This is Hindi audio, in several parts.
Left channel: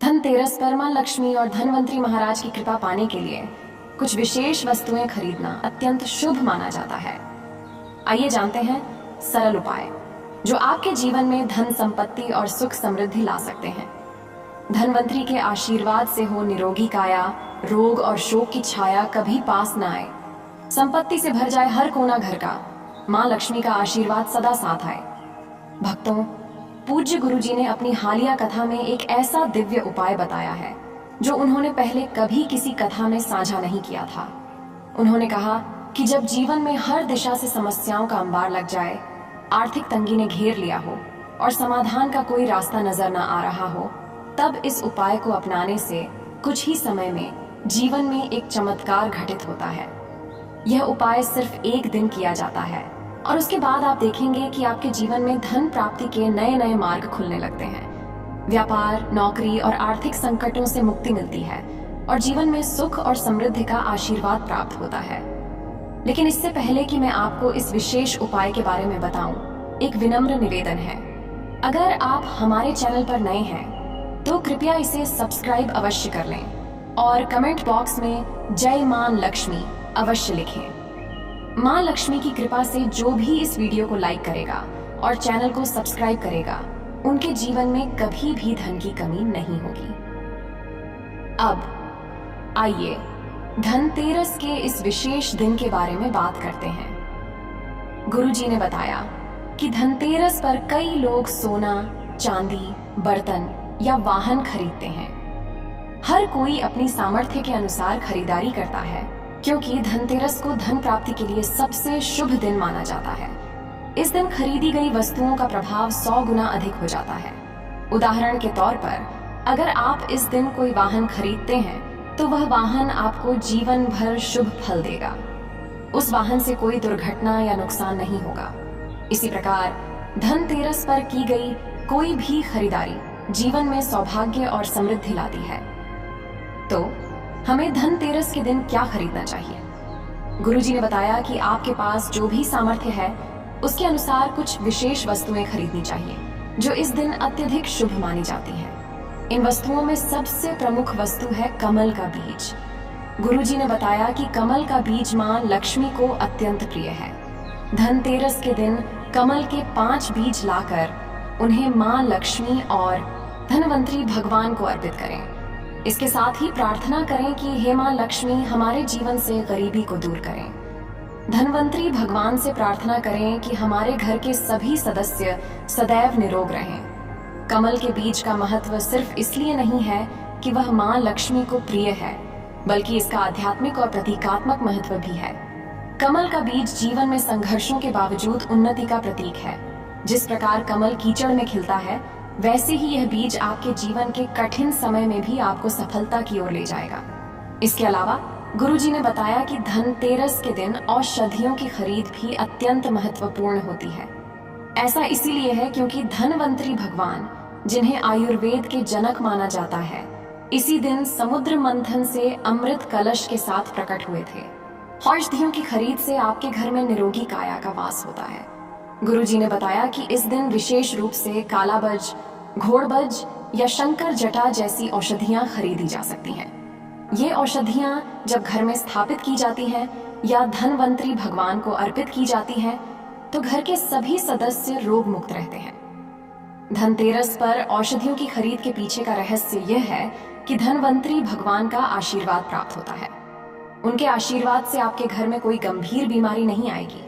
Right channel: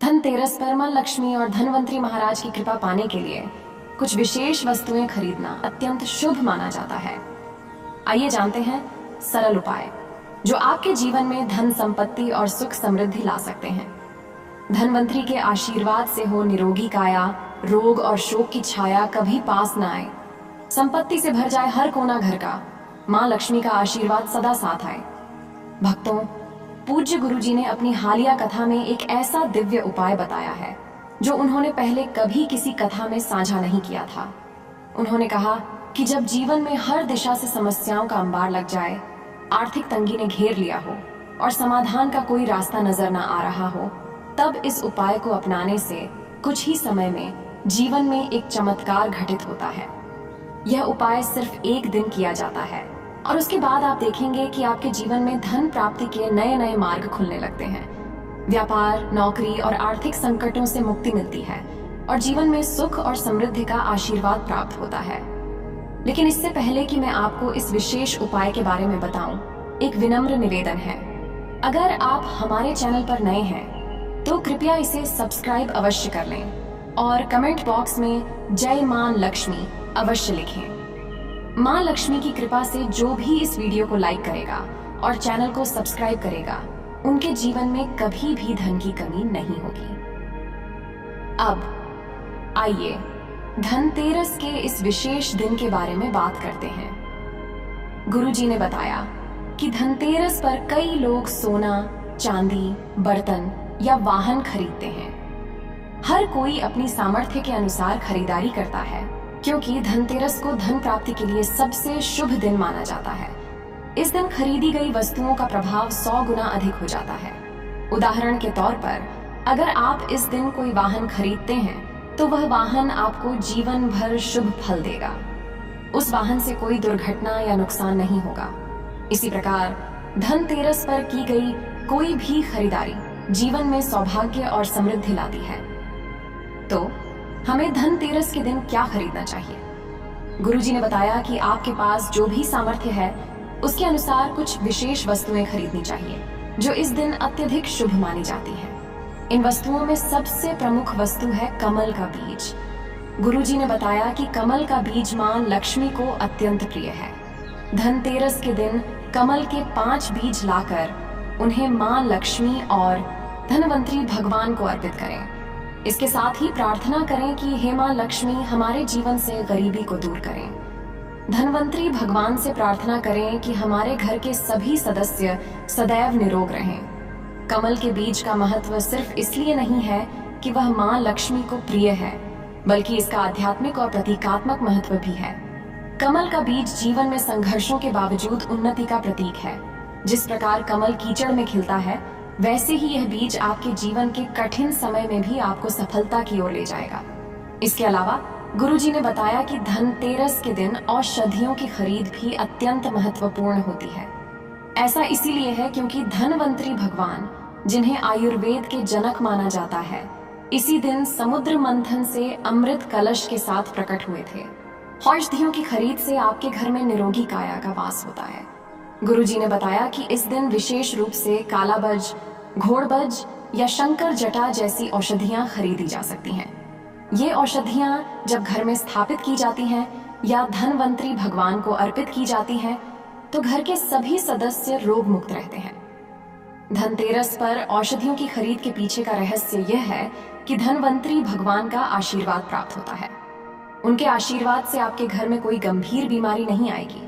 धनतेरस पर मां लक्ष्मी और धनवंतरी महाराज की कृपा पाने के लिए कुछ विशेष वस्तुएं खरीदना अत्यंत शुभ माना जाता है। आइए जानते हैं सरल उपाय जो आपके जीवन में धन संपत्ति और सुख समृद्धि ला सकते हैं। धनवंतरी के आशीर्वाद से हो निरोगी काया, रोग और शोक की छाया कभी पास न आए, संपत्ति से भर जाए हर कोना घर का, मां लक्ष्मी का आशीर्वाद सदा साथ आए। भक्तों, पूज्य गुरुजी ने अपनी हालिया कथा में एक ऐसा दिव्य उपाय बताया है जो उन्होंने पहले कभी किसी कथा में साझा नहीं किया था। उन्होंने कहा कि जब जीवन में हर दिशा से समस्याओं का अंबार लग जाए, आर्थिक तंगी ने घेर लिया हो और समाधान का कोई रास्ता नजर न आ रहा हो, तब इस उपाय को अपनाने से कुछ ही समय में जीवन में एक चमत्कार घटित होता है। यह उपाय सिर्फ एक दिन किया जाता है और उसके बाद आप देखेंगे कि आपके जीवन में धन प्राप्ति के नए नए मार्ग खुलने लगते हैं। व्यापार, नौकरी और आर्थिक संकटों से मुक्ति मिलती है और जीवन में सुख और समृद्धि का आशीर्वाद प्राप्त होता है। लेकिन इससे पहले कि मैं आपको इस विशेष उपाय के बारे में बताऊं, एक विनम्र निवेदन है। अगर आप हमारे चैनल पर नए हैं तो कृपया इसे सब्सक्राइब अवश्य कर लें और कमेंट बॉक्स में जय मां लक्ष्मी अवश्य लिखें। मां लक्ष्मी की कृपा से जो भी इस वीडियो को लाइक करेगा और चैनल को सब्सक्राइब करेगा, उनके जीवन में कभी भी धन की कमी नहीं होगी। अब आइए धनतेरस के इस विशेष दिन के बारे में बात करते हैं। गुरुजी ने बताया कि धनतेरस पर कई लोग सोना, चांदी, बर्तन या वाहन खरीदते हैं। हर कोई अपनी सामर्थ्य के अनुसार खरीदारी करता है, क्योंकि धनतेरस को धन प्राप्ति के लिए सबसे शुभ दिन माना जाता है। इस दिन खरीदी गई वस्तुओं का प्रभाव 100 गुना अधिक हो जाता है। उदाहरण के तौर पर, अगर आप इस दिन कोई वाहन खरीदते हैं तो वह वाहन आपको जीवन भर शुभ फल देगा। उस वाहन से कोई दुर्घटना या नुकसान नहीं होगा। इसी प्रकार धनतेरस पर की गई कोई भी खरीदारी जीवन में सौभाग्य और समृद्धि लाती है। तो हमें धनतेरस के दिन क्या खरीदना चाहिए? गुरुजी ने बताया कि आपके पास जो भी सामर्थ्य है उसके अनुसार कुछ विशेष वस्तुएं खरीदनी चाहिए जो इस दिन अत्यधिक शुभ मानी जाती हैं। इन वस्तुओं में सबसे प्रमुख वस्तु है कमल का बीज। गुरुजी ने बताया कि कमल का बीज मां लक्ष्मी को अत्यंत प्रिय है। धनतेरस के दिन कमल के 5 बीज लाकर उन्हें मां लक्ष्मी और धनवंतरी भगवान को अर्पित करें। इसके साथ ही प्रार्थना करें कि हे मां लक्ष्मी हमारे जीवन से गरीबी को दूर करें। धनवंतरी भगवान से प्रार्थना करें कि हमारे घर के सभी सदस्य सदैव निरोग रहें। कमल के बीज का महत्व सिर्फ इसलिए नहीं है कि वह मां लक्ष्मी को प्रिय है, बल्कि इसका आध्यात्मिक और प्रतीकात्मक महत्व भी है। कमल का बीज जीवन में संघर्षों के बावजूद उन्नति का प्रतीक है। जिस प्रकार कमल कीचड़ में खिलता है, वैसे ही यह बीज आपके जीवन के कठिन समय में भी आपको सफलता की ओर ले जाएगा। इसके अलावा गुरुजी ने बताया कि धनतेरस के दिन औषधियों की खरीद भी अत्यंत महत्वपूर्ण होती है। ऐसा इसीलिए है क्योंकि धनवंतरी भगवान, जिन्हें आयुर्वेद के जनक माना जाता है, इसी दिन समुद्र मंथन से अमृत कलश के साथ प्रकट हुए थे। औषधियों की खरीद से आपके घर में निरोगी काया का वास होता है। गुरुजी ने बताया कि इस दिन विशेष रूप से कालाबज, घोड़बज या शंकर जटा जैसी औषधियां खरीदी जा सकती हैं। ये औषधियां जब घर में स्थापित की जाती हैं या धनवंतरी भगवान को अर्पित की जाती हैं, तो घर के सभी सदस्य रोग मुक्त रहते हैं। धनतेरस पर औषधियों की खरीद के पीछे का रहस्य यह है कि धनवंतरी भगवान का आशीर्वाद प्राप्त होता है। उनके आशीर्वाद से आपके घर में कोई गंभीर बीमारी नहीं आएगी।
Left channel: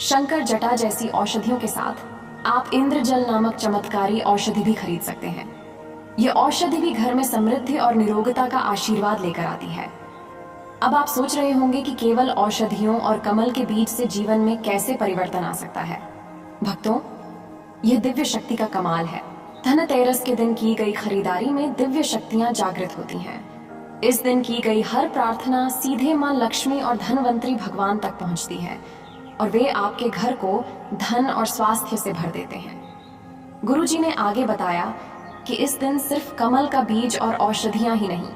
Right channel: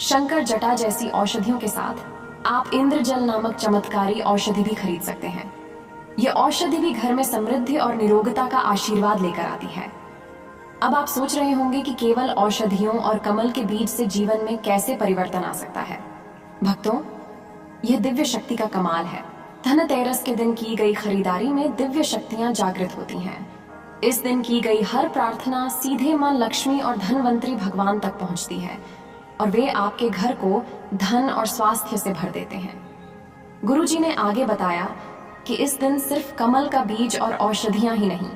शंकर जटा जैसी औषधियों के साथ आप इंद्रजल नामक चमत्कारी औषधि भी खरीद सकते हैं। ये औषधि भी घर में समृद्धि और निरोगता का आशीर्वाद लेकर आती है। अब आप सोच रहे होंगे कि केवल औषधियों और कमल के बीज से जीवन में कैसे परिवर्तन आ सकता है। भक्तों, यह दिव्य शक्ति का कमाल है। धनतेरस के दिन की गई खरीदारी में दिव्य शक्तियां जागृत होती हैं। इस दिन की गई हर प्रार्थना सीधे मां लक्ष्मी और धनवंतरी भगवान तक पहुंचती है और वे आपके घर को धन और स्वास्थ्य से भर देते हैं। गुरुजी ने आगे बताया कि इस दिन सिर्फ कमल का बीज और औषधियां ही नहीं,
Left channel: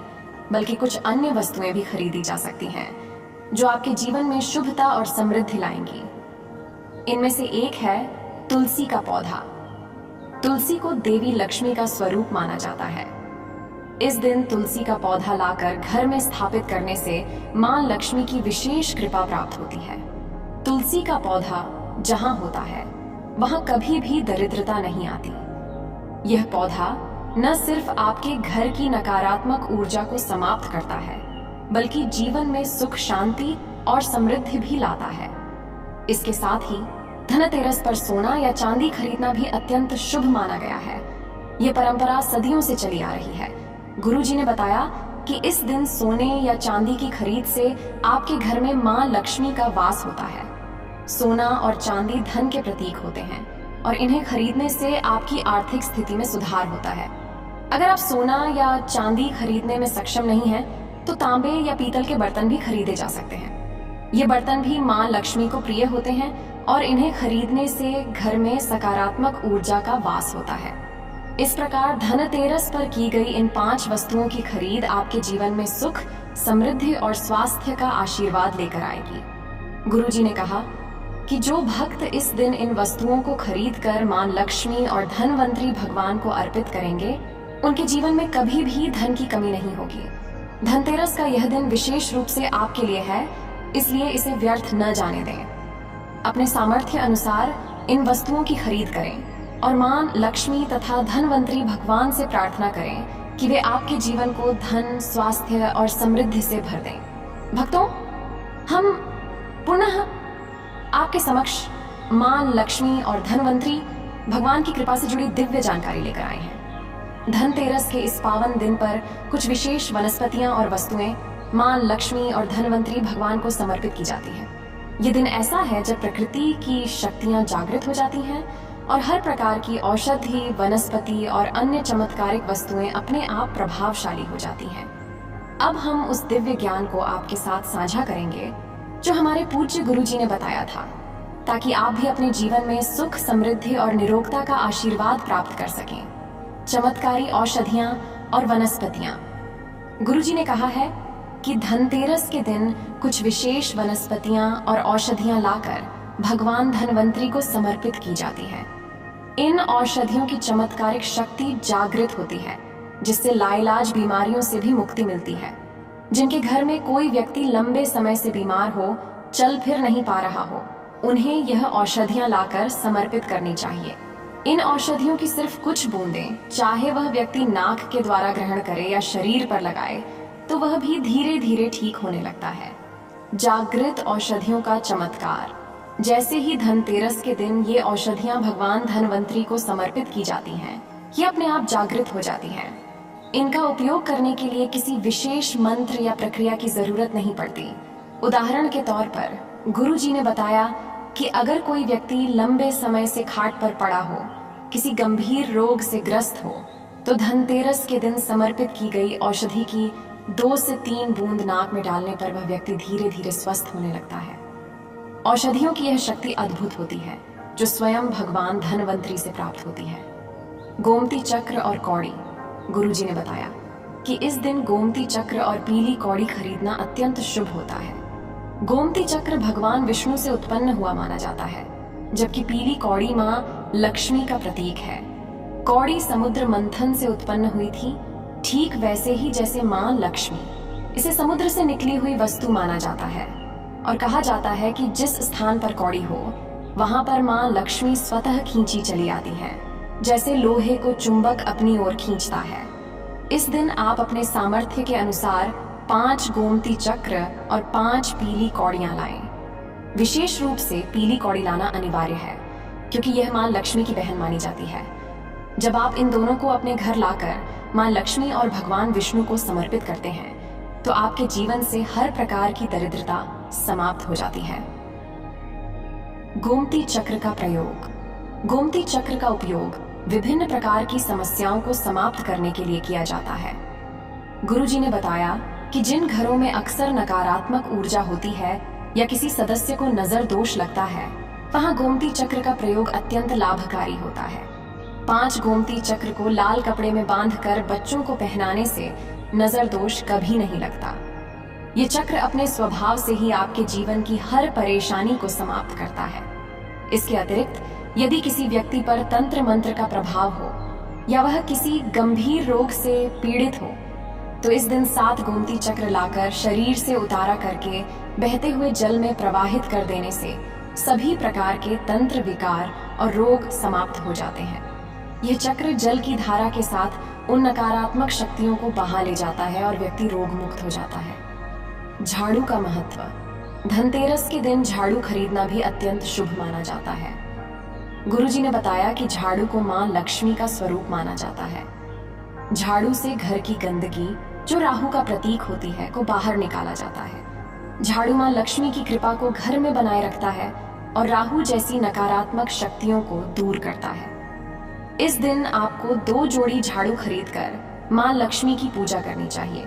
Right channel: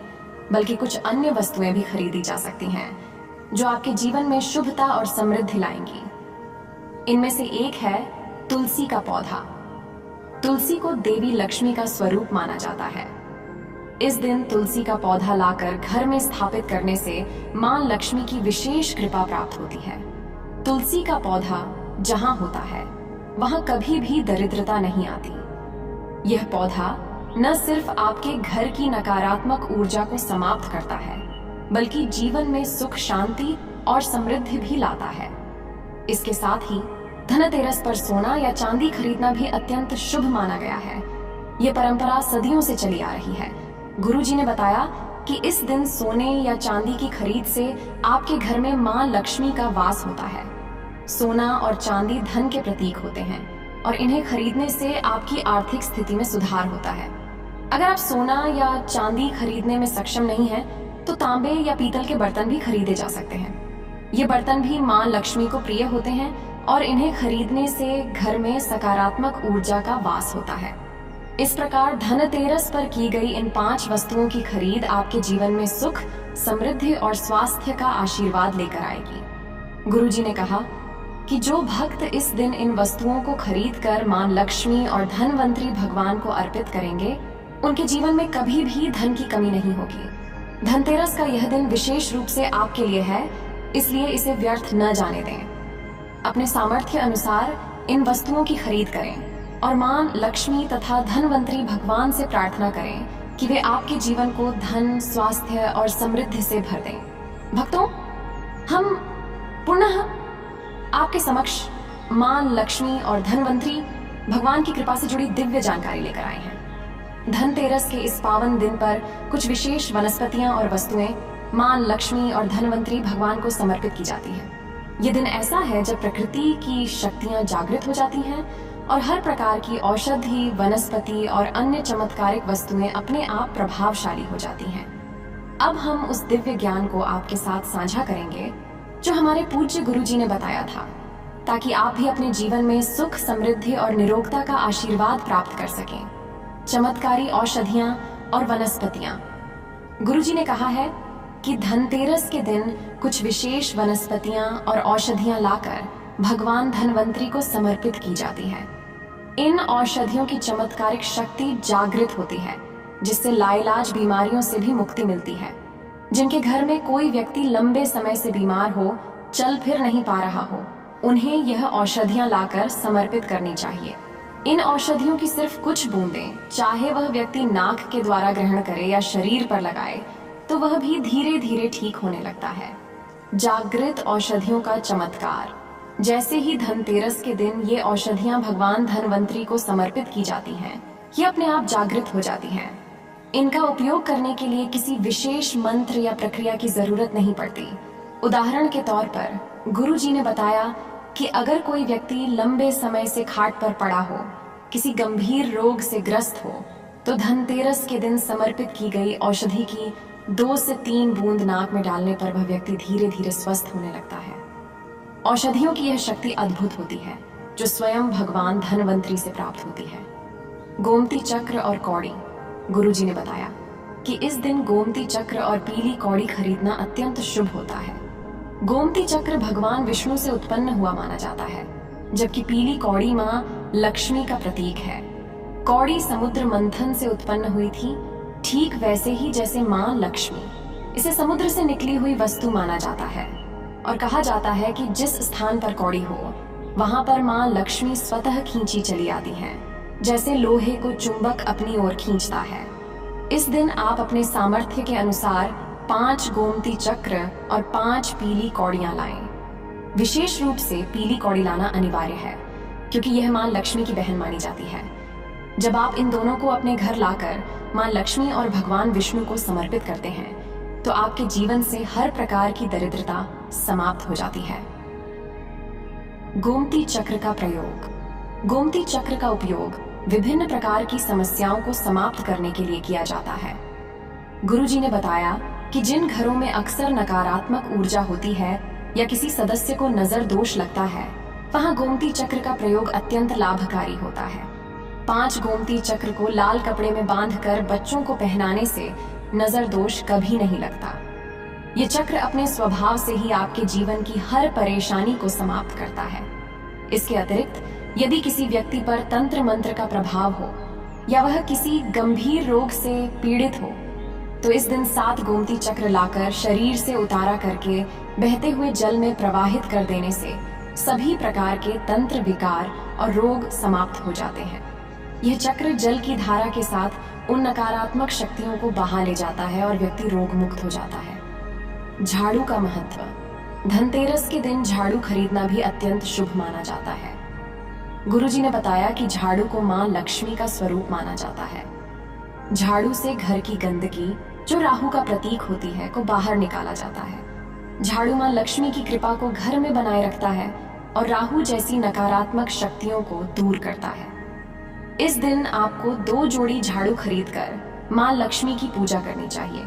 बल्कि कुछ अन्य वस्तुएं भी खरीदी जा सकती हैं जो आपके जीवन में शुभता और समृद्धि लाएंगी। इनमें से एक है तुलसी का पौधा। तुलसी को देवी लक्ष्मी का स्वरूप माना जाता है। इस दिन तुलसी का पौधा लाकर घर में स्थापित करने से मां लक्ष्मी की विशेष कृपा प्राप्त होती है। तुलसी का पौधा जहां होता है वहां कभी भी दरिद्रता नहीं आती। यह पौधा न सिर्फ आपके घर की नकारात्मक ऊर्जा को समाप्त करता है, बल्कि जीवन में सुख, शांति और समृद्धि भी लाता है। इसके साथ ही धनतेरस पर सोना या चांदी खरीदना भी अत्यंत शुभ माना गया है। यह परंपरा सदियों से चली आ रही है। गुरुजी ने बताया कि इस दिन सोने या चांदी की खरीद से आपके घर में मां लक्ष्मी का वास होता है। सोना और चांदी धन के प्रतीक होते हैं और इन्हें खरीदने से आपकी आर्थिक स्थिति में सुधार होता है। अगर आप सोना या चांदी खरीदने में सक्षम नहीं हैं, तो तांबे या पीतल के बर्तन भी खरीदे जा सकते हैं। ये बर्तन भी मां लक्ष्मी को प्रिय होते हैं और इन्हें खरीदने से घर में सकारात्मक ऊर्जा का वास होता है। इस प्रकार धनतेरस पर की गई इन 5 वस्तुओं की खरीद आपके जीवन में सुख, समृद्धि और स्वास्थ्य का आशीर्वाद लेकर आएगी। गुरुजी ने कहा कि जो भक्त इस दिन इन वस्तुओं को खरीदकर मां लक्ष्मी और धनवंतरी भगवान को अर्पित करेंगे, उनके जीवन में कभी भी धन की कमी नहीं होगी। धनतेरस का यह दिन विशेष रूप से आपके लिए है, इसलिए इसे व्यर्थ न जाने दें। अपने सामर्थ्य अनुसार इन वस्तुओं की खरीद करें और मां लक्ष्मी तथा धनवंतरी भगवान से प्रार्थना करें कि वे आपके जीवन को धन, स्वास्थ्य और समृद्धि से भर दें। भक्तों, हम पुनः आपके समक्ष मां लक्ष्मी और धनवंतरी भगवान की कृपा से जुड़ी दिव्य जानकारी लेकर आए हैं। धनतेरस के इस पावन दिन पर कुछ विशेष वनस्पतियां और वस्तुएं मां लक्ष्मी और धनवंतरी भगवान को समर्पित की जाती हैं। ये दिन ऐसा है जब प्रकृति की शक्तियां जागृत हो जाती हैं और हर प्रकार की औषधि, वनस्पति और अन्य चमत्कारिक वस्तुएं अपने आप प्रभावशाली हो जाती हैं। अब हम उस दिव्य ज्ञान को आपके साथ साझा करेंगे जो हमारे पूज्य गुरुजी ने बताया था, ताकि आप भी अपने जीवन में सुख, समृद्धि और निरोगता का आशीर्वाद प्राप्त कर सकें। चमत्कारी औषधियां और वनस्पतियां। गुरुजी ने कहा है कि धनतेरस के दिन कुछ विशेष वनस्पतियां और औषधियां लाकर भगवान धनवंतरी को समर्पित की जाती है। इन औषधियों की चमत्कारिक शक्ति जागृत होती है, जिससे लाइलाज बीमारियों से भी मुक्ति मिलती है। जिनके घर में कोई व्यक्ति लंबे समय से बीमार हो, चल फिर नहीं पा रहा हो, उन्हें यह औषधियां लाकर समर्पित करनी चाहिए। इन औषधियों की सिर्फ कुछ बूंदें, चाहे वह व्यक्ति नाक के द्वारा ग्रहण करे या शरीर पर लगाए, तो वह भी धीरे धीरे ठीक होने लगता है। जागृत औषधियों का चमत्कार। जैसे ही धनतेरस के दिन ये औषधियां भगवान धनवंतरी को समर्पित की जाती हैं, ये अपने आप जागृत हो जाती हैं। इनका उपयोग करने के लिए किसी विशेष मंत्र या प्रक्रिया की जरूरत नहीं पड़ती। उदाहरण के तौर पर गुरुजी ने बताया कि अगर कोई व्यक्ति लंबे समय से खाट पर पड़ा हो, किसी गंभीर रोग से ग्रस्त हो, तो धनतेरस के दिन समर्पित की गई औषधि की 2 से 3 बूंद नाक में डालने पर वह व्यक्ति धीरे धीरे स्वस्थ होने लगता है। औषधियों की यह शक्ति अद्भुत होती है, जो स्वयं भगवान धनवंतरी से प्राप्त होती है। गोमती चक्र और कौड़ी। गुरुजी ने बताया कि इस दिन गोमती चक्र और पीली कौड़ी खरीदना अत्यंत शुभ होता है। गोमती चक्र भगवान विष्णु से उत्पन्न हुआ माना जाता है, जबकि पीली कौड़ी मां लक्ष्मी का प्रतीक है। कौड़ी समुद्र मंथन से उत्पन्न हुई थी, ठीक वैसे ही जैसे मां लक्ष्मी। इसे समुद्र से निकली हुई वस्तु माना जाता है और कहा जाता है कि जिस स्थान पर कौड़ी हो, वहां पर मां लक्ष्मी स्वतः खींची चली आती हैं, जैसे लोहे को चुंबक अपनी ओर खींचता है। इस दिन आप अपने सामर्थ्य के अनुसार 5 गोमती चक्र और 5 पीली कौड़ियां लाएं। विशेष रूप से पीली कौड़ी लाना अनिवार्य है, क्योंकि यह मां लक्ष्मी की बहन मानी जाती है। जब आप इन दोनों को अपने घर लाकर मां लक्ष्मी और भगवान विष्णु को समर्पित करते हैं, तो आपके जीवन से हर प्रकार की दरिद्रता समाप्त हो जाती है। गोमती चक्र का प्रयोग। गोमती चक्र का उपयोग विभिन्न प्रकार की समस्याओं को समाप्त करने के लिए किया जाता है। गुरुजी ने बताया कि जिन घरों में अक्सर नकारात्मक ऊर्जा होती है या किसी सदस्य को नजर दोष लगता है, वहां गोमती चक्र का प्रयोग अत्यंत लाभकारी होता है। 5 गोमती चक्र को लाल कपड़े में बांधकर बच्चों को पहनाने से नजर दोष कभी नहीं लगता। ये चक्र अपने स्वभाव से ही आपके जीवन की हर परेशानी को समाप्त करता है। इसके अतिरिक्त यदि किसी व्यक्ति पर तंत्र मंत्र का प्रभाव हो या वह किसी गंभीर रोग से पीड़ित हो, तो इस दिन 7 गोमती चक्र लाकर शरीर से उतारा करके बहते हुए जल में प्रवाहित कर देने से सभी प्रकार के तंत्र विकार और रोग समाप्त हो जाते हैं। यह चक्र जल की धारा के साथ उन नकारात्मक शक्तियों को बहा ले जाता है और व्यक्ति रोग मुक्त हो जाता है। झाड़ू का महत्व। धनतेरस के दिन झाड़ू खरीदना भी अत्यंत शुभ माना जाता है। गुरुजी ने बताया कि झाड़ू को मां लक्ष्मी का स्वरूप माना जाता है। झाड़ू से घर की गंदगी, जो राहु का प्रतीक होती है, को बाहर निकाला जाता है। झाड़ू मां लक्ष्मी की कृपा को घर में बनाए रखता है और राहु जैसी नकारात्मक शक्तियों को दूर करता है। इस दिन आपको 2 जोड़ी झाड़ू खरीदकर मां लक्ष्मी की पूजा करनी चाहिए।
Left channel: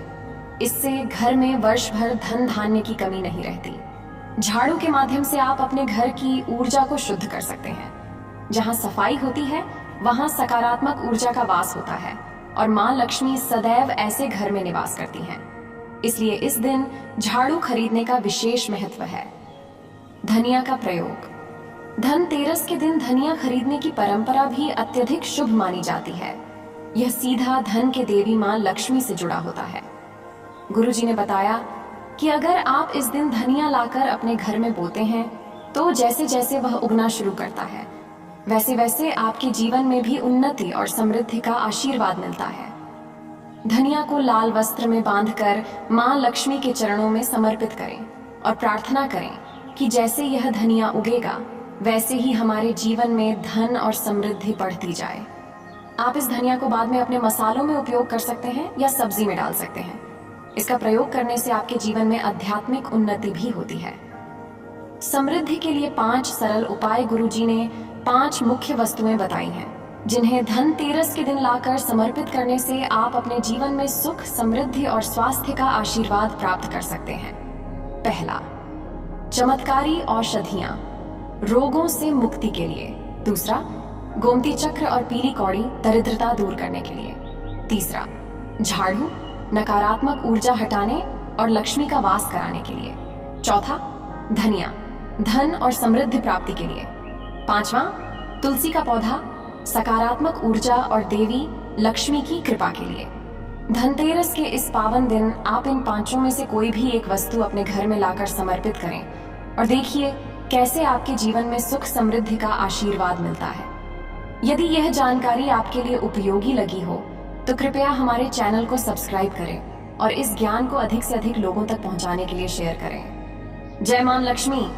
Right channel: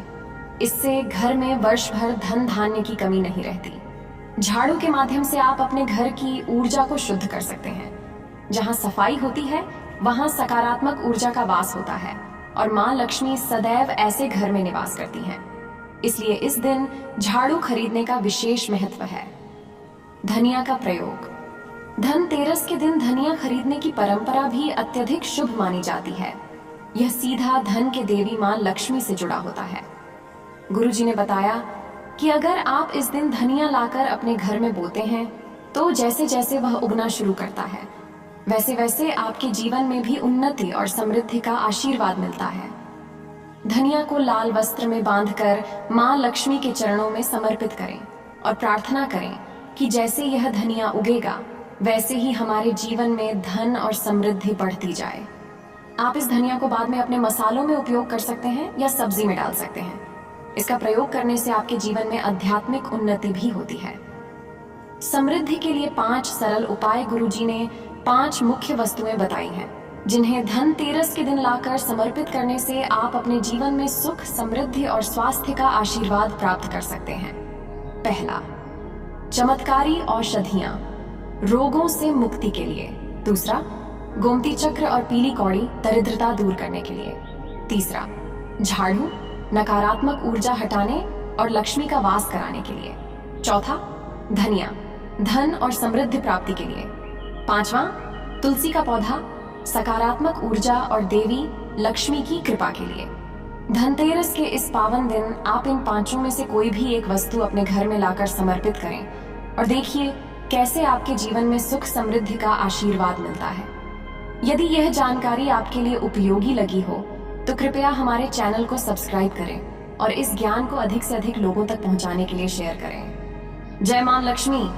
इससे घर में वर्ष भर धन धान्य की कमी नहीं रहती। झाड़ू के माध्यम से आप अपने घर की ऊर्जा को शुद्ध कर सकते हैं। जहां सफाई होती है वहां सकारात्मक ऊर्जा का वास होता है और मां लक्ष्मी सदैव ऐसे घर में निवास करती हैं। इसलिए इस दिन झाड़ू खरीदने का विशेष महत्व है। धनिया का प्रयोग। धनतेरस के दिन धनिया खरीदने की परंपरा भी अत्यधिक शुभ मानी जाती है। यह सीधा धन के देवी मां लक्ष्मी से जुड़ा होता है। गुरुजी ने बताया कि अगर आप इस दिन धनिया लाकर अपने घर में बोते हैं तो जैसे जैसे वह उगना शुरू करता है वैसे वैसे आपके जीवन में भी उन्नति और समृद्धि का आशीर्वाद मिलता है। धनिया को लाल वस्त्र में बांधकर मां लक्ष्मी के चरणों में समर्पित करें और प्रार्थना करें कि जैसे यह धनिया उगेगा वैसे ही हमारे जीवन में धन और समृद्धि बढ़ती जाए। आप इस धनिया को बाद में अपने मसालों में उपयोग कर सकते हैं या सब्जी में डाल सकते हैं। इसका प्रयोग करने से आपके जीवन में आध्यात्मिक उन्नति भी होती है। समृद्धि के लिए 5 सरल उपाय गुरुजी ने 5 मुख्य वस्तुएं बताई हैं, जिन्हें धनतेरस के दिन लाकर समर्पित करने से आप अपने जीवन में सुख, समृद्धि और स्वास्थ्य का आशीर्वाद प्राप्त कर सकते हैं। पहला, चमत्कारी औषधियां रोगों से मुक्ति के लिए। दूसरा, गोमती चक्र और पीली कौड़ी दरिद्रता दूर करने के लिए। तीसरा, झाड़ू नकारात्मक ऊर्जा हटाने और लक्ष्मी का वास कराने के लिए। चौथा, धनिया धन और समृद्धि प्राप्ति के लिए। पांचवा, तुलसी का पौधा सकारात्मक ऊर्जा और देवी लक्ष्मी की कृपा के लिए। धनतेरस के इस पावन दिन आप इन 5 में से कोई भी एक वस्तु अपने घर में लाकर समर्पित करें और देखिए कैसे आपके जीवन में सुख समृद्धि का आशीर्वाद मिलता है। यदि यह जानकारी आपके लिए उपयोगी लगी हो तो कृपया हमारे चैनल को सब्सक्राइब करें और इस ज्ञान को अधिक से अधिक लोगों तक पहुंचाने के लिए शेयर करें। जय मां लक्ष्मी।